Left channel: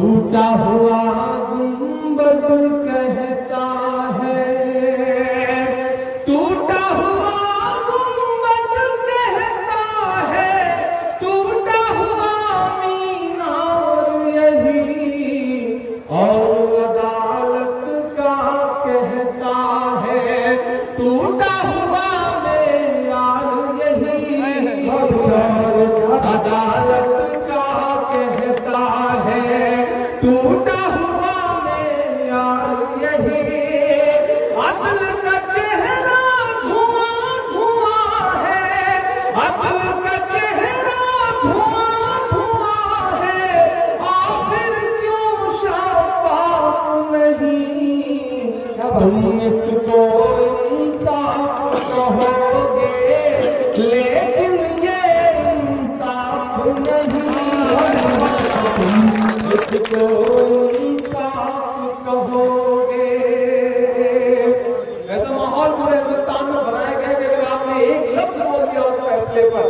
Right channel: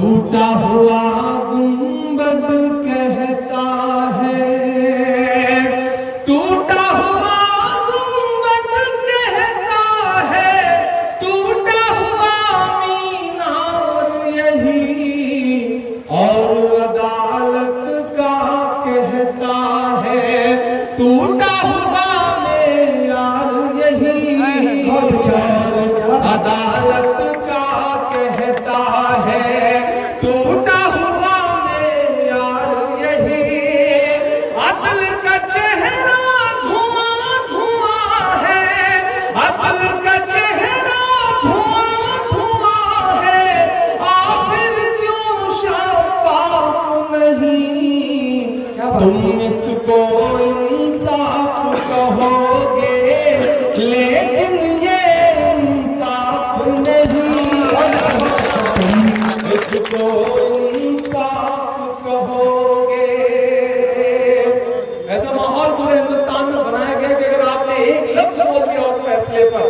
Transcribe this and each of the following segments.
टूटा हुआ गुंबद कहता है, टूटा हुआ गुंबद कहता है, टूटा हुआ मीनार यही और अदालत का कहता है, टूटा हुआ मेयार यही और अदालत का कहता है, टूटा हुआ मेयार यही। अदल का चेहरा धुआं धुआं है, अदल का चेहरा धुआं धुआं है, आखिर क्यों शफाफ नहीं। तुम इसको इंसाफ कहोगे लेकिन ये इंसाफ नहीं, इसको इंसाफ कहोगे। ऐसा माहौल पूरे हिंदुस्तान में बनाया गया कि अगर आपने एक लफ्ज बोल दिया उस फैसले पर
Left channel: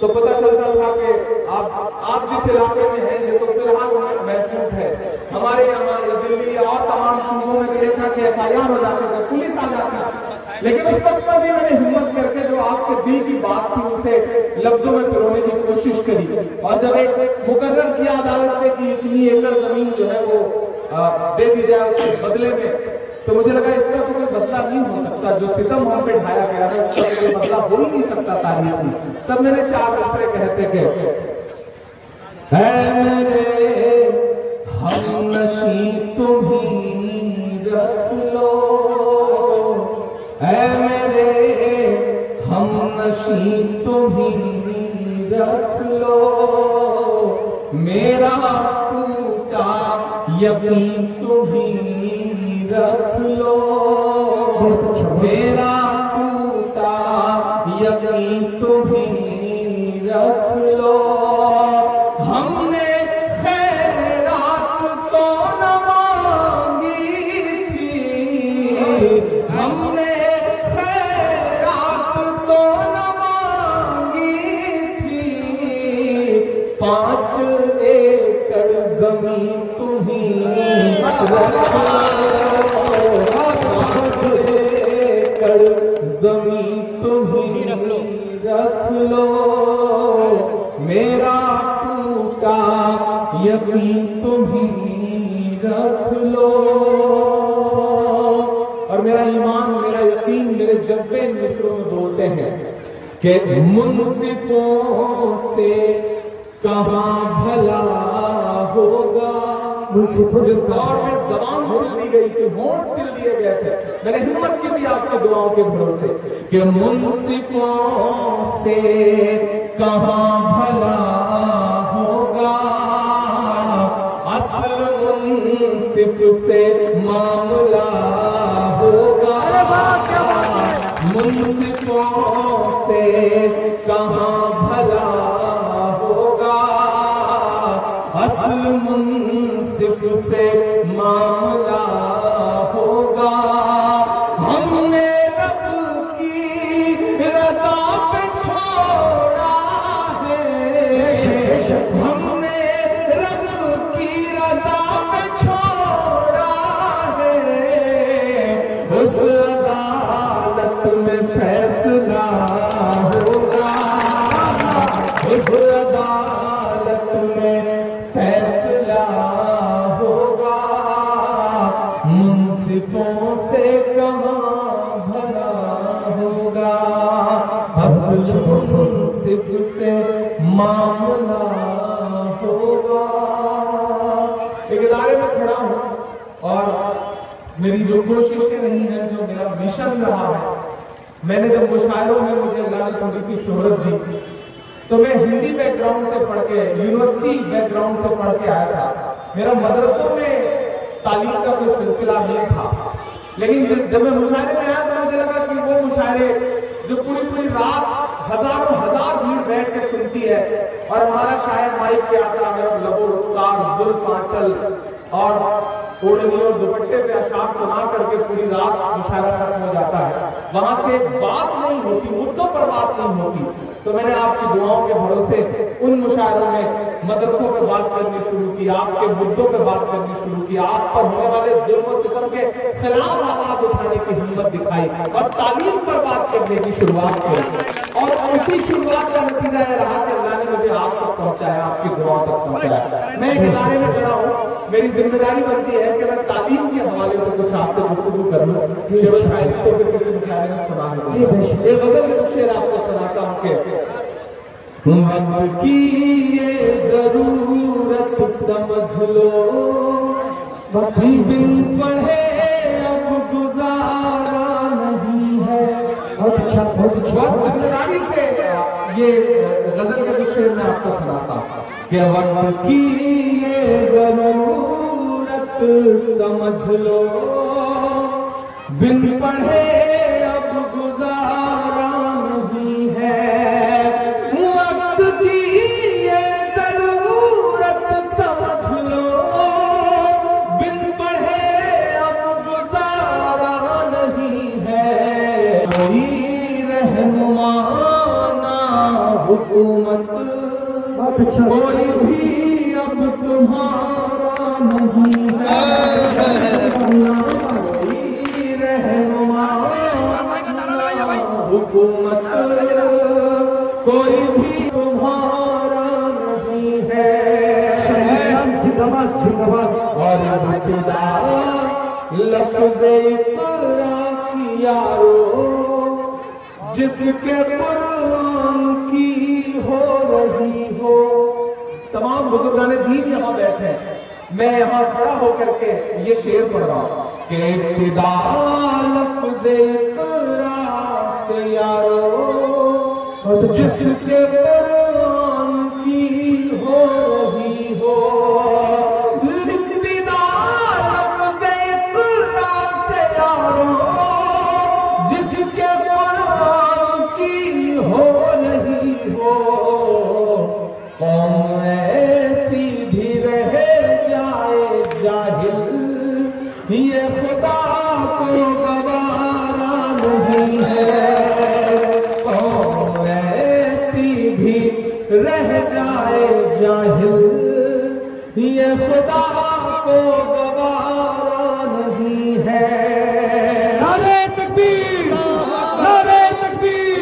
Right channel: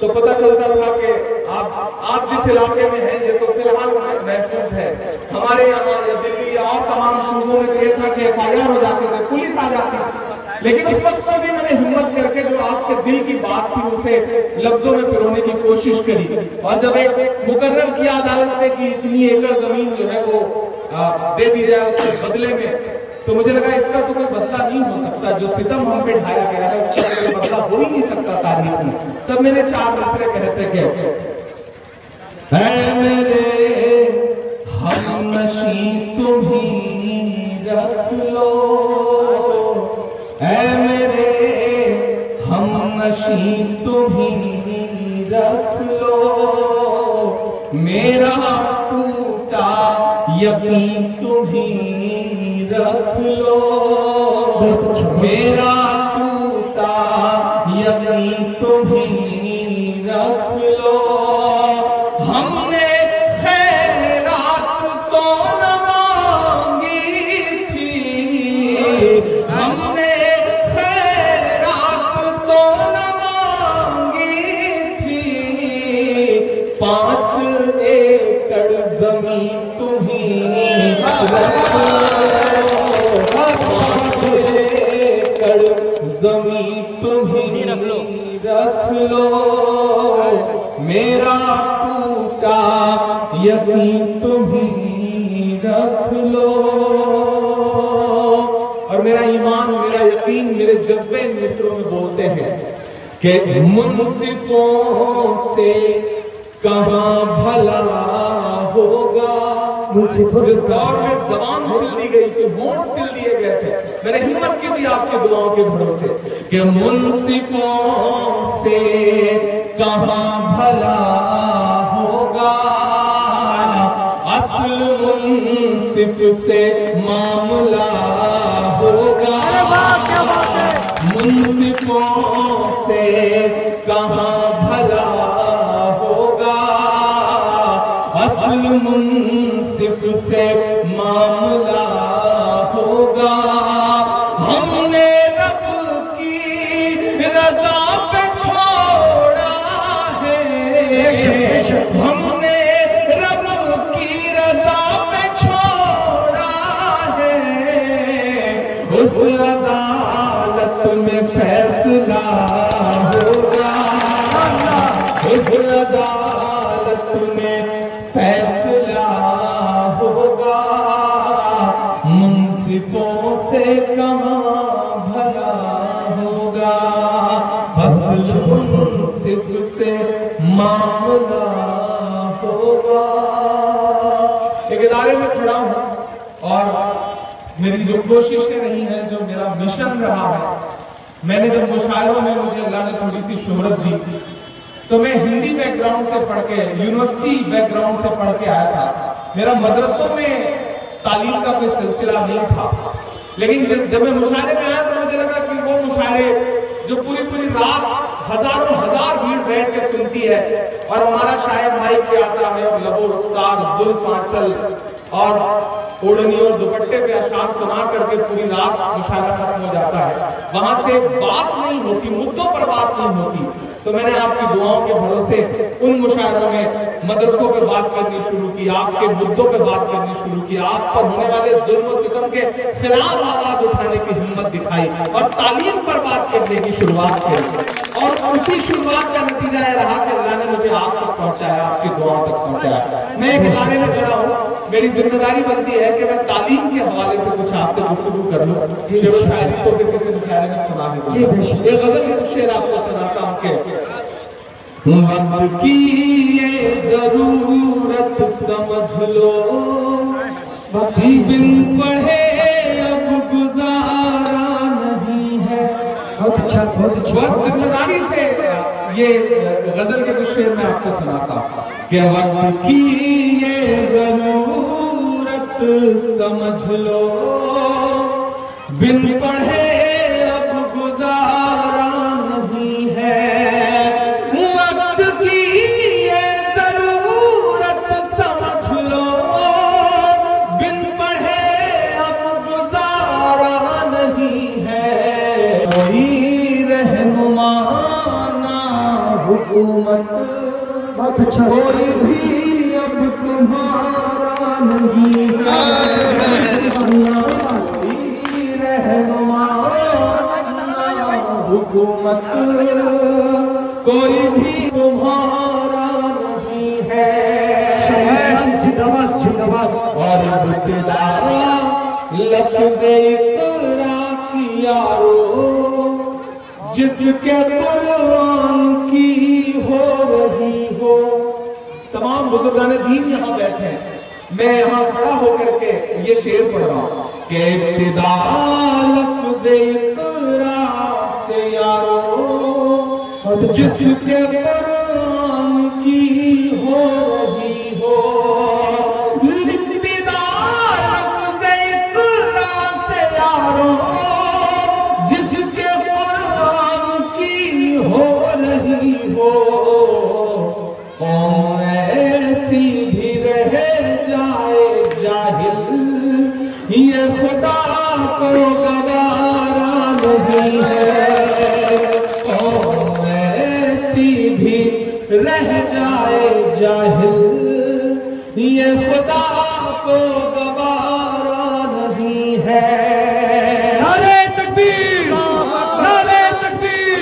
तो पता चलता था कि आप जिस इलाके में हैं ये तो फिलहाल महफूज है। हमारे यहाँ दिल्ली और तमाम सूबों में तो यह था कि FIR हो जाते थे, पुलिस आ जाती थी, लेकिन उस वक्त में भी मैंने हिम्मत करके जो आपके दिल की बात थी उसे लफ्जों में पिरोने की कोशिश करी। और जब एक मुकर्रर किया अदालत ने कि इतनी एकड़ जमीन जो है वो दे दी जाए उसके बदले में, तो मुझे लगा इसका तो कोई बदला नहीं हो सकता, जो सितम हम पे ढाया गया है उसका तो कोई बदला हो ही नहीं सकता तारीख में। तब मैंने 4 मिसरे कहते के ऐ मेरे हमनशी तुम ही रख लो, ऐ मेरे हमनशी तुम ही रख लो, मेरा टूटा यकीन तुम ही रख लो, मेरा टूटा यकीन तुम ही रख लो। हमने खैरात तो न मांगी थी, हमने खैरात तो न मांगी थी, 5 एकड़ जमीन तुम्हीं रख लो, 5 एकड़ जमीन तुम्हीं रख लो, मेरा टूटा यकीन तुम्हीं रख लो। और मेरा ईमान, मेरा यकीन, मेरे जज्बे इन मिसरों में बोलते हैं कि मुंसिफों से कहां भला होगा। जिस दौर में जबान सिल दी गई थी, होंठ सिल दिए गए थे, मैंने हिम्मत की थी आपकी दुआओं के भरोसे कि मुंसिफों से कहां भला होगा, असल मुंसिफ से मामला होगा। क्या बात है। मुंसिफों से कहां भला होगा, असल मुंसिफ से मामला होगा। हमने रब की रजा पे छोड़ा है, हमने रब की रजा पे छोड़ा है, उस अदालत में फैसला होगा, उस अदालत में फैसला होगा। मुंसिफों से कहां भला होगा, असल मुंसिफ से मामला होगा। एक इदारे में खड़ा हूं और मेरी जो कोशिशें रही हैं, जो मेरा मिशन रहा है, मैंने जब मुशायरों में मुझे अल्लाह ने थोड़ी सी शोहरत दी तो मैं हिंदी बैकग्राउंड से पढ़ के, यूनिवर्सिटी बैकग्राउंड से पढ़ के आया था। मेरा मदरसों में तालीम का कोई सिलसिला नहीं था, लेकिन जब मैं मुशायरे में आया तो मुझे लगा कि वो मुशायरे जो पूरी पूरी रात हजारों हजार भीड़ बैठ के सुनती है और हमारा शायर माइक पे आता है और लबो रुखसार जुल्फ आंचल और ओढ़नी और दुपट्टे पे अशार सुना करके पूरी रात मुशायरा खत्म हो जाता है। वहां से बात नहीं होती, मुद्दों पर बात नहीं होती, तो मैंने आपकी दुआओं के भरोसे उन मुशायरों में मदरसों पे बात करनी शुरू की, आपके मुद्दों पे बात करनी शुरू की, आप पर होने वाले जुल्म और सितम के खिलाफ आवाज उठाने की हिम्मत दिखाई और तालीम पर बात करने की शुरुआत की। और उसी शुरुआत का नतीजा यह रहा कि अल्लाह ने मुझे आप तक पहुंचाया, आपकी दुआओं तक पहुंचाया। मैं एक इदारे में खड़ा हूँ, मेरी जिम्मेदारी बनती है कि मैं तालीम के हवाले से कुछ आपसे गुफ्तगू कर लूं। शेर शायरी को फिर किसी मुशायरे में सुना दूं। ये गजल में शेर आपको सुनाता हूं कि वक्त की ये जरूरत समझ लो, बिन पढ़े अब गुजारा नहीं है। बहुत अच्छा, बहुत अच्छा। बहुत जिम्मेदारी से ये गजल के कुछ शेर मैं आपको सुनाता हूँ कि वक्त की ये जरूरत समझ लो, बिन पढ़े अब गुजारा नहीं है। वक्त की ये जरूरत समझ लो, बिन पढ़े अब गुजारा नहीं है। कोई रहनुमा ना हुकूमत, कोई भी अब तुम्हारा नहीं है। कोई रहनुमा ना हुकूमत, कोई भी तुम्हारा नहीं है। जिंदाबाद जिंदाबाद। और बतला लफ्ज़ इक़रा की यारो, जिसके कुरान की हो रही हो। तमाम बुजुर्गाने दीन यहाँ बैठे हैं, मैं यहाँ खड़ा होकर के ये शेर पढ़ रहा हूँ कि इब्तिदा लफ्ज़ इक़रा से यारो, जिसके कुरान की हो रही हो। इब्तिदा लफ्ज़ इक़रा से यारो, जिसके कुरान की हो रही हो। कौम ऐसी भी रह जाए जाहिल, ये खुदा को गवारा नहीं है। कौम ऐसी भी रह जाए जाहिल, ये खुदा को गवारा नहीं है। नारे तकबीर, नारे तकबीर,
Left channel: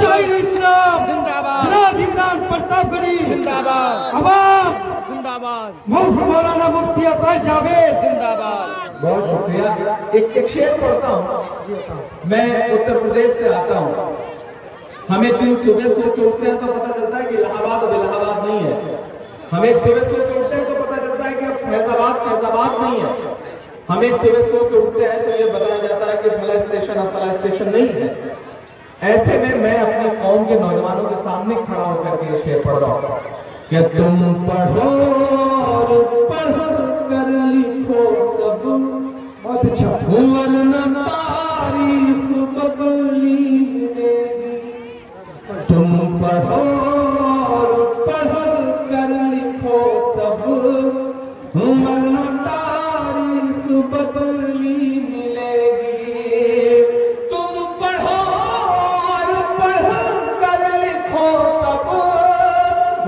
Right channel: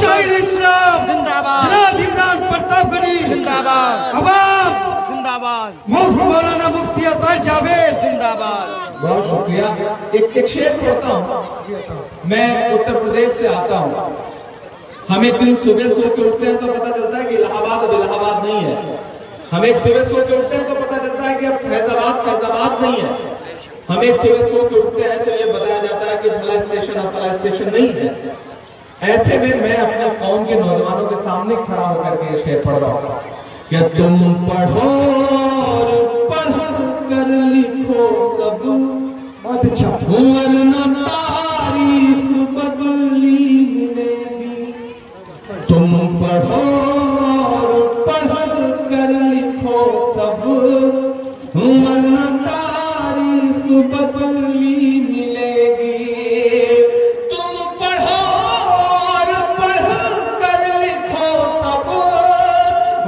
शायर इस्लाम जिंदाबाद, जनाब इमरान प्रतापगढ़ी जिंदाबाद, अवाम जिंदाबाद, मौलाना मुफ्ती अब्बास जावेद जिंदाबाद। बहुत शुक्रिया। एक शेर पढ़ता हूँ। मैं उत्तर प्रदेश से आता हूँ। हम एक दिन सुबह सो के उठते हैं तो पता चलता है कि इलाहाबाद अब इलाहाबाद नहीं है। हम एक सुबह सो के उठते हैं तो पता चलता है कि अब फैजाबाद फैजाबाद नहीं है। हम एक सुबह सो के उठते हैं तो ये बताया जाता है कि फला स्टेशन अब फला स्टेशन नहीं है। ऐसे में मैं अपनी कौम के नौजवानों के सामने खड़ा होकर के ये शेर पढ़ रहा हूँ कि तुम पढ़ो और पढ़ कर लिखो सब, बहुत अच्छा, वरना तारीख बदली मिलेगी। तुम पढ़ो और पढ़ कर लिखो सब, वरना तारीख बदली मिलेगी। तुम पढ़ो और पढ़ कर लिखो सब,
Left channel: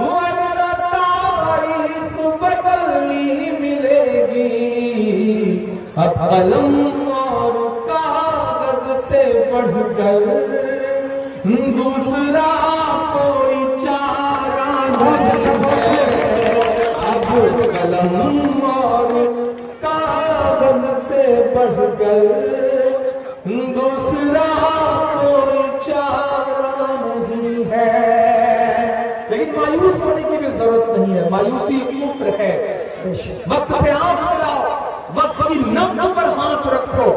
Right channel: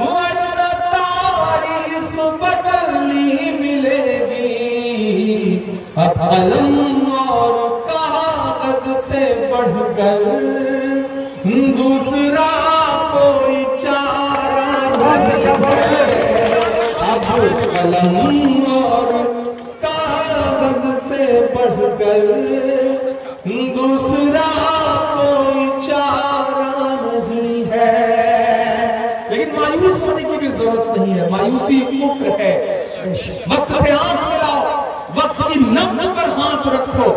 वरना तारीख बदली मिलेगी। अब कलम और कागज से बढ़कर दूसरा कोई चारा नहीं है। अब कलम और कागज से बढ़कर दूसरा कोई चारा नहीं है। लेकिन मायूस होने की भी जरूरत नहीं है। मायूसी कुफ्र है। वक्त से आंख मिलाओ, वक्त की नब्ज पर हाथ रखो,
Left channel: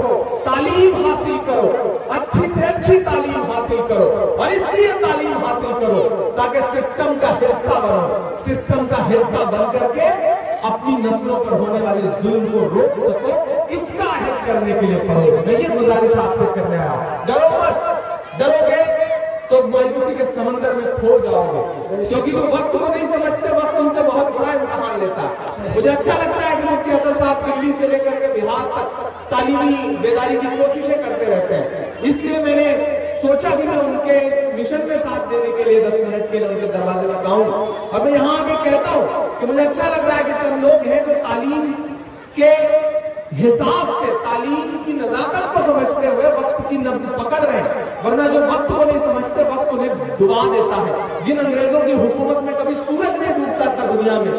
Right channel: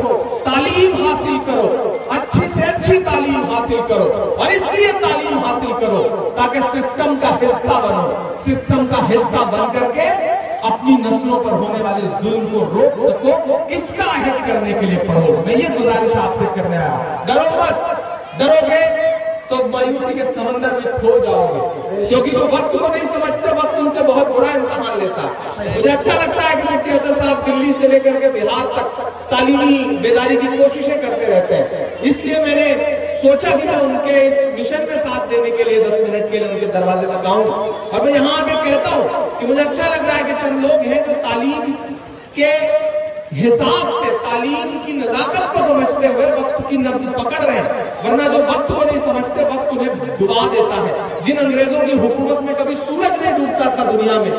तालीम हासिल करो, अच्छी से अच्छी तालीम हासिल करो। और इसलिए तालीम हासिल करो ताकि सिस्टम का हिस्सा बनो, सिस्टम का हिस्सा बन करके अपनी नस्लों पर होने वाले जुल्म को रोक सको। इसका अहद करने के लिए पढ़ो। मैं ये गुजारिश आपसे करने आया। डरो मत, डरोगे तो मायूसी के समंदर में खो जाओगे, क्योंकि जो वक्त को नहीं समझते वक्त उनसे बहुत बुरा इम्तिहान लेता है। मुझे अच्छा लगता है कि मुफ्ती अतर साहब दिल्ली से लेकर के बिहार तक तालीमी बेदारी की कोशिशें करते रहते हैं। इसलिए मैंने सोचा सोचा कि मैं उनके इस मिशन में साथ देने के लिए 10 मिनट के लिए उनके दरवाजे तक आऊं। और मैं यहाँ आके कहता हूं कि मुझे अच्छा लग रहा है कि चंद लोग हैं जो तालीम के हिसाब से, तालीम की नजाकत को समझते हुए वक्त की नब्ज पकड़ रहे हैं, वरना जो वक्त को नहीं समझते वक्त उन्हें डुबा देता है। जिन अंग्रेजों की हुकूमत में कभी सूरज नहीं डूबता था दुनिया में,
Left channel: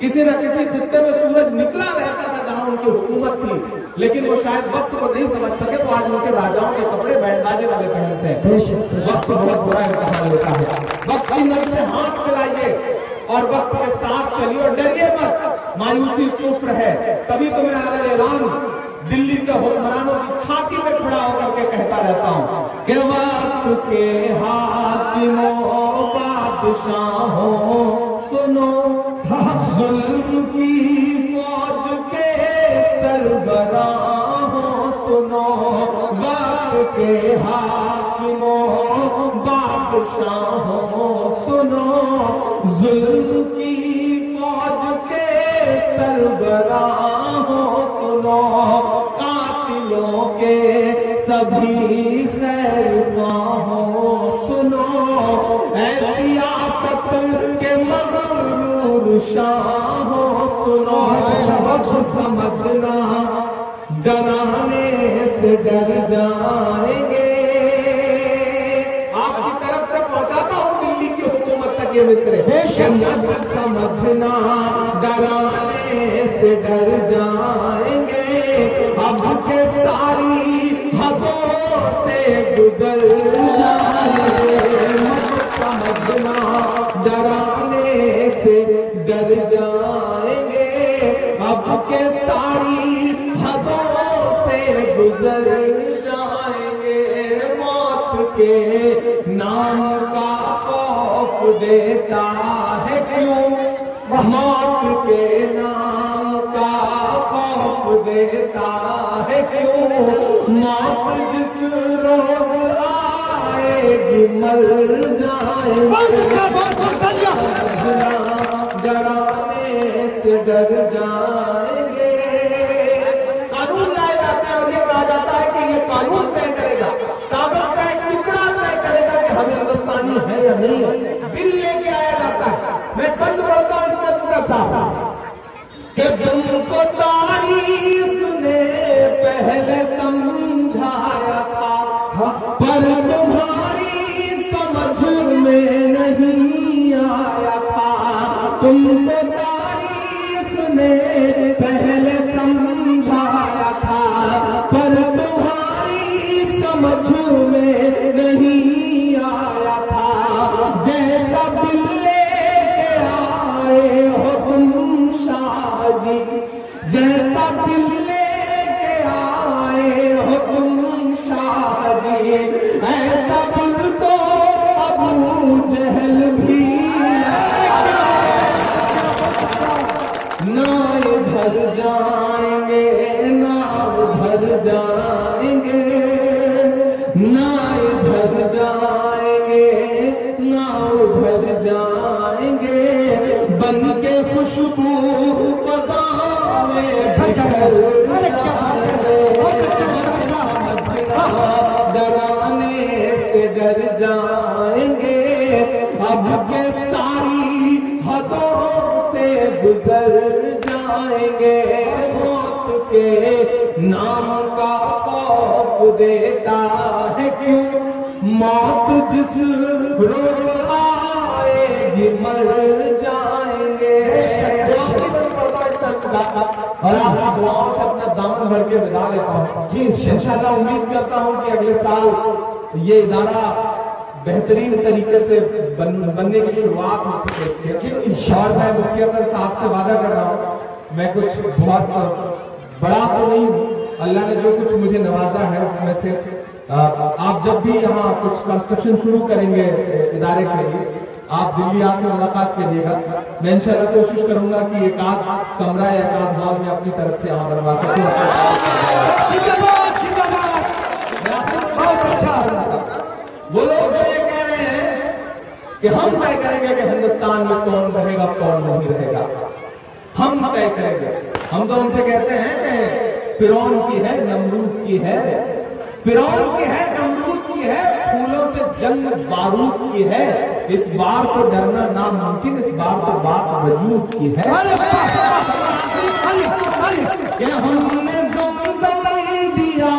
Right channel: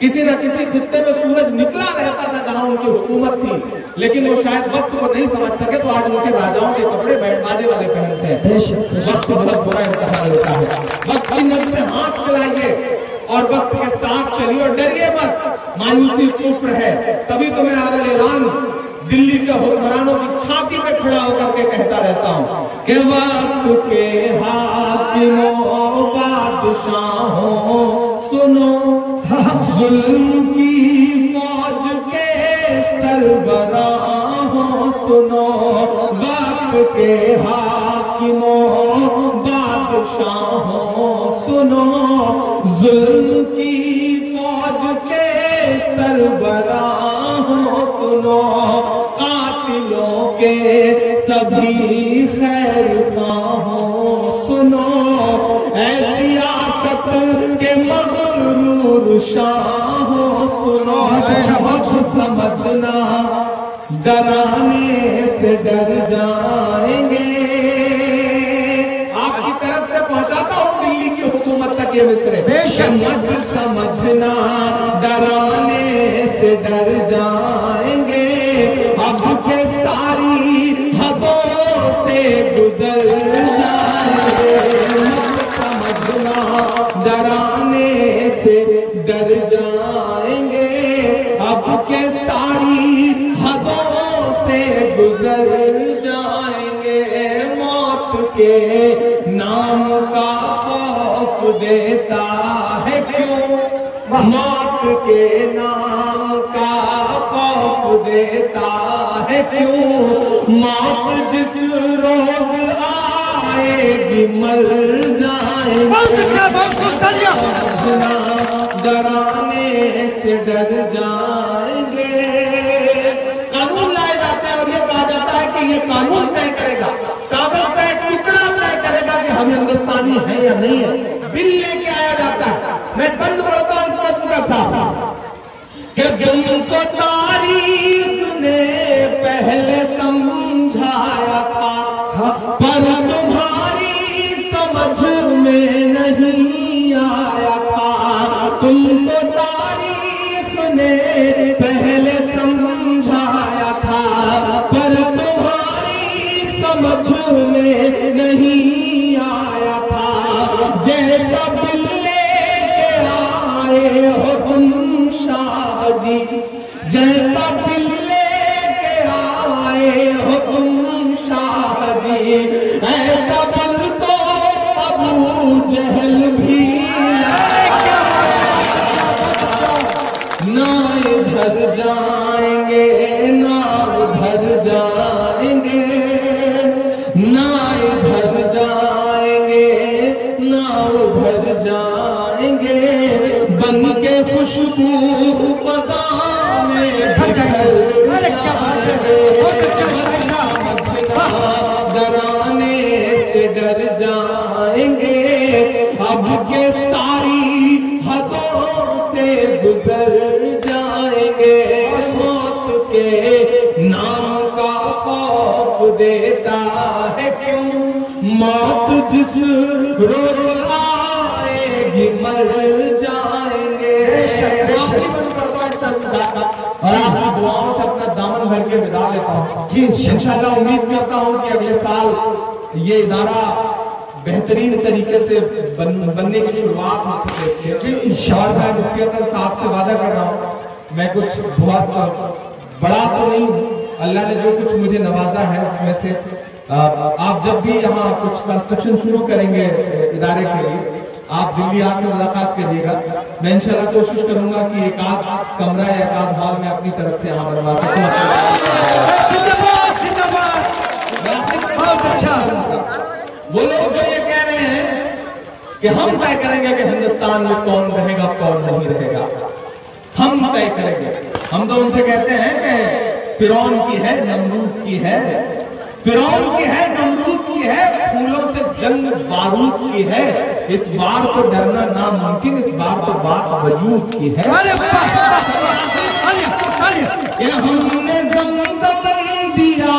किसी न किसी खित्ते में सूरज निकला रहता था जहां उनकी हुकूमत थी, लेकिन वो शायद वक्त को नहीं समझ सके तो आज उनके राजाओं के कपड़े बैंडबाजे वाले पहनते हैं। वक्त बहुत बुरा इम्तिहान होता है। वक्त की नब्ज से हाथ मिलाइए और वक्त के साथ चलिए और डरिए मत। मायूसी कुफ्र है। तभी तो मैं आला ऐलान दिल्ली के हुक्मरानों की छाती पे खड़ा होकर के कहता रहता हूं कि वक्त के हाकिमों बादशाहों सुनो, जुल्म की फौज के सरबराहों सुनो, वक्त के हाकिमों बादशाहों सुनो, जुल्म की फौज के सरबराहों सुनो, कातिलों के सभी खैर ख्वाहों सुनो, ऐसी आसत के मगरूर शाहों सुनो, वक्त समझना डराने से डर जाएंगे। आपकी तरफ से पहुंचाता हूं दिल्ली की हुकूमत तक ये मिसरे। वक्त समझना डराने से डर जाएंगे, अब के सारी हदों से गुजर जाएंगे। समझना डराने से डर जाएंगे, अब के सारी हदों से गुजर जाएंगे। मौत के नाम का खौफ देता है क्यों, मौत के नाम का खौफ देता है क्यों, मौत जिस रोज आएगी मर जाएंगे। डराने से डर जाएंगे। कानून लाए जाते हैं और ये कहा जाता है कि ये कानून तय करेगा, कागज का एक टुकड़ा तय करेगा कि हम हिंदुस्तानी हैं या नहीं है। बिल लेके आया जाता है। मैं बंद पढ़ता हूं इस कदम का साफ कि तुमको तारीख ने पहले समझाया था, पर तुम्हारी समझ में नहीं आया था। तुमको तारीख ने पहले समझाया था, पर तुम्हारी समझ में नहीं आया था। जैसा बिल लेके आए हो तुम शाह जी, जैसा बिल लेके आए हो तुम शाह जी, ऐसा बिल तो अबू जहल भी ना इधर जाएंगे ना उधर जाएंगे, ना इधर जाएंगे ना उधर जाएंगे, बन के खुशबू फजा में बिखर डराने से डर जाएंगे, अब के सारी हदों से गुजर जाएंगे। मौत के नाम का खौफ देता है क्यों, मौत जिस रोज आएगी मर जाएंगे। और आपकी दुआओं से अपना दामन भर के विदा लेता हूँ जी। इंशाल्लाह उम्मीद करता हूँ कि अगले साल ये इदारा बेहतरीन तरीके से बनने की शुरुआत हो सके इसके। और मैं मुफ्ती अख्तर साहब से वादा कर रहा हूँ, मैं कुछ बहुत बड़ा तो नहीं, अल्लाह ने जो कुछ मुझे नवाजा है उसमें से आप जब भी यहाँ कुछ कंस्ट्रक्शन शुरू करेंगे इदारे के लिए, आप दिल्ली आकर मुलाकात करिएगा। मैं इंशाल्लाह कोशिश करूंगा कि एक आध कमरा या एक आध हॉल में अपनी तरफ से यहाँ बनवा सकूँ। बहुत अच्छा। वो लोग जो ये कह रहे हैं कि हम तय करेंगे कि हिंदुस्तान में कौन रहेगा कौन नहीं रहेगा, हम तय करेंगे। हम तो उनसे कहते हैं कि फिरौन की है, नमरूद की है, फिरौन की है, नमरूद की है, फूलों से जंग बारूद की है। इस बार तो डरना नामुमकिन, इस बार तो बात वजूद की है। ये हमने ज़मज़म दिया,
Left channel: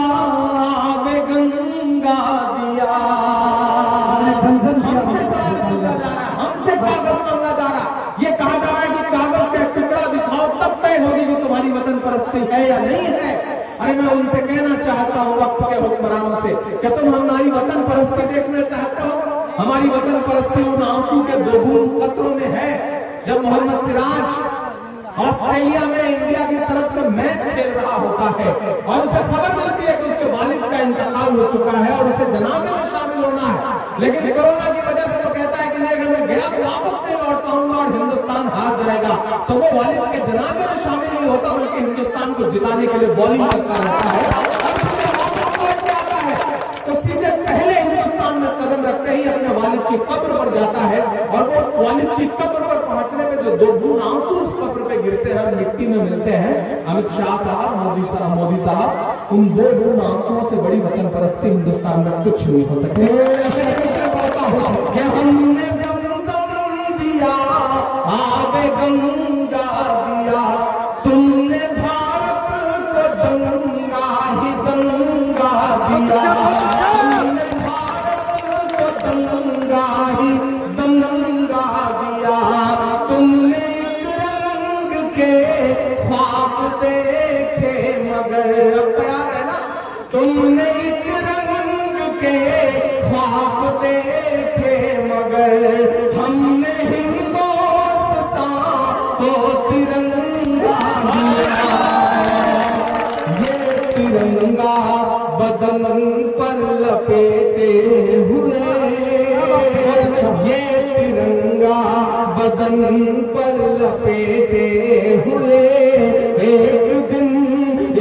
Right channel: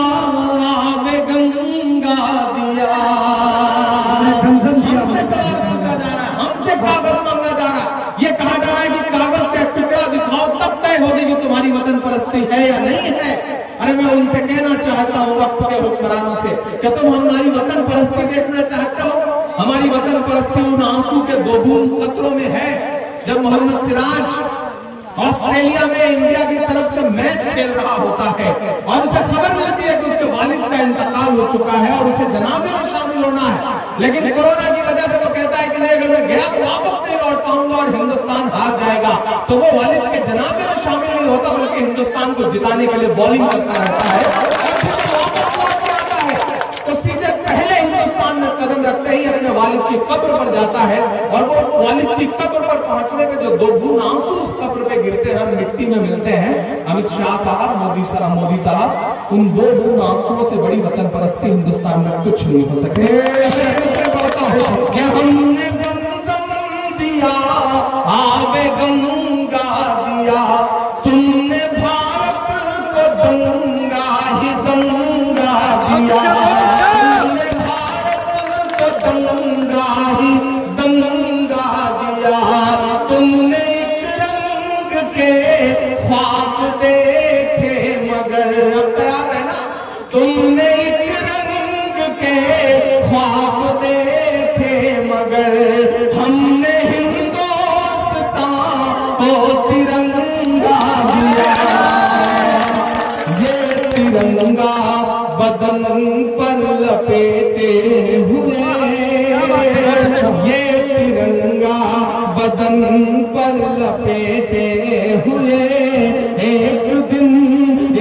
आबे गंगा दिया, हमसे सवाल पूछा जा रहा है, हमसे कागज मांगा जा रहा है। ये कहा जा रहा है कि कागज का टुकड़ा दिखाओ तब तय होगी कि तुम्हारी वतन परस्ती है या नहीं है। अरे मैं उनसे कहना चाहता हूँ वक्त के हुक्मरानों से, क्या तुम हमारी वतन परस्ती देखना चाहते हो? हमारी वतन परस्ती उन आंसू के दो बूंद कतरों में है जब मोहम्मद सिराज ऑस्ट्रेलिया में इंडिया की तरफ से मैच खेल रहा होता है और उसे खबर मिलती है कि उसके वालिद का इंतकाल हो चुका है और उसे जनाजे में शामिल होना है। लेकिन कोरोना की वजह से वो कहता है कि नहीं, अगर मैं गया तो वापस नहीं लौट पाऊंगा और हिंदुस्तान हार जाएगा। तो वो वालिद के जनाजे में शामिल नहीं होता बल्कि हिंदुस्तान को जिताने के लिए बॉलिंग करता रहता है और वापस लौट के आता है तो सीधे पहले हिंदुस्तान में कदम रखते ही अपने वालिद की कब्र पर जाता है और वो वालिद की कब्र पर पहुंचने के जो दो बूंद आंसू उस कब्र पे गिरते हैं और मिट्टी में मिलते हैं, अमित शाह साहब, मोदी साहब, उन दो बूंद आंसुओं से बड़ी वतन परस्ती हिंदुस्तान में कुछ नहीं हो सके। हमने ज़मज़म दिया, आबे गंगा दिया, तुमने भारत को दंगा ही दंगा दिया, तुमने भारत को दंगा ही दंगा दिया, तुमने एक रंग के ख्वाब देखे मगर, अब तैयार है ना, तुमने एक रंग के ख्वाब देखे मगर हमने हिंदुस्तान को तिरंगा दिया। ये तिरंगा बदन पर लपेटे हुए, ये तिरंगा बदन पर लपेटे हुए एक दिन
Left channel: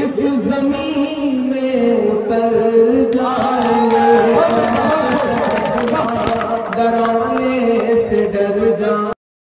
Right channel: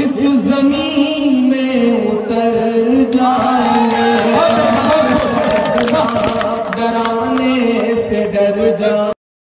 इस जमीन में उतर जाएंगे, डराने से डर जा।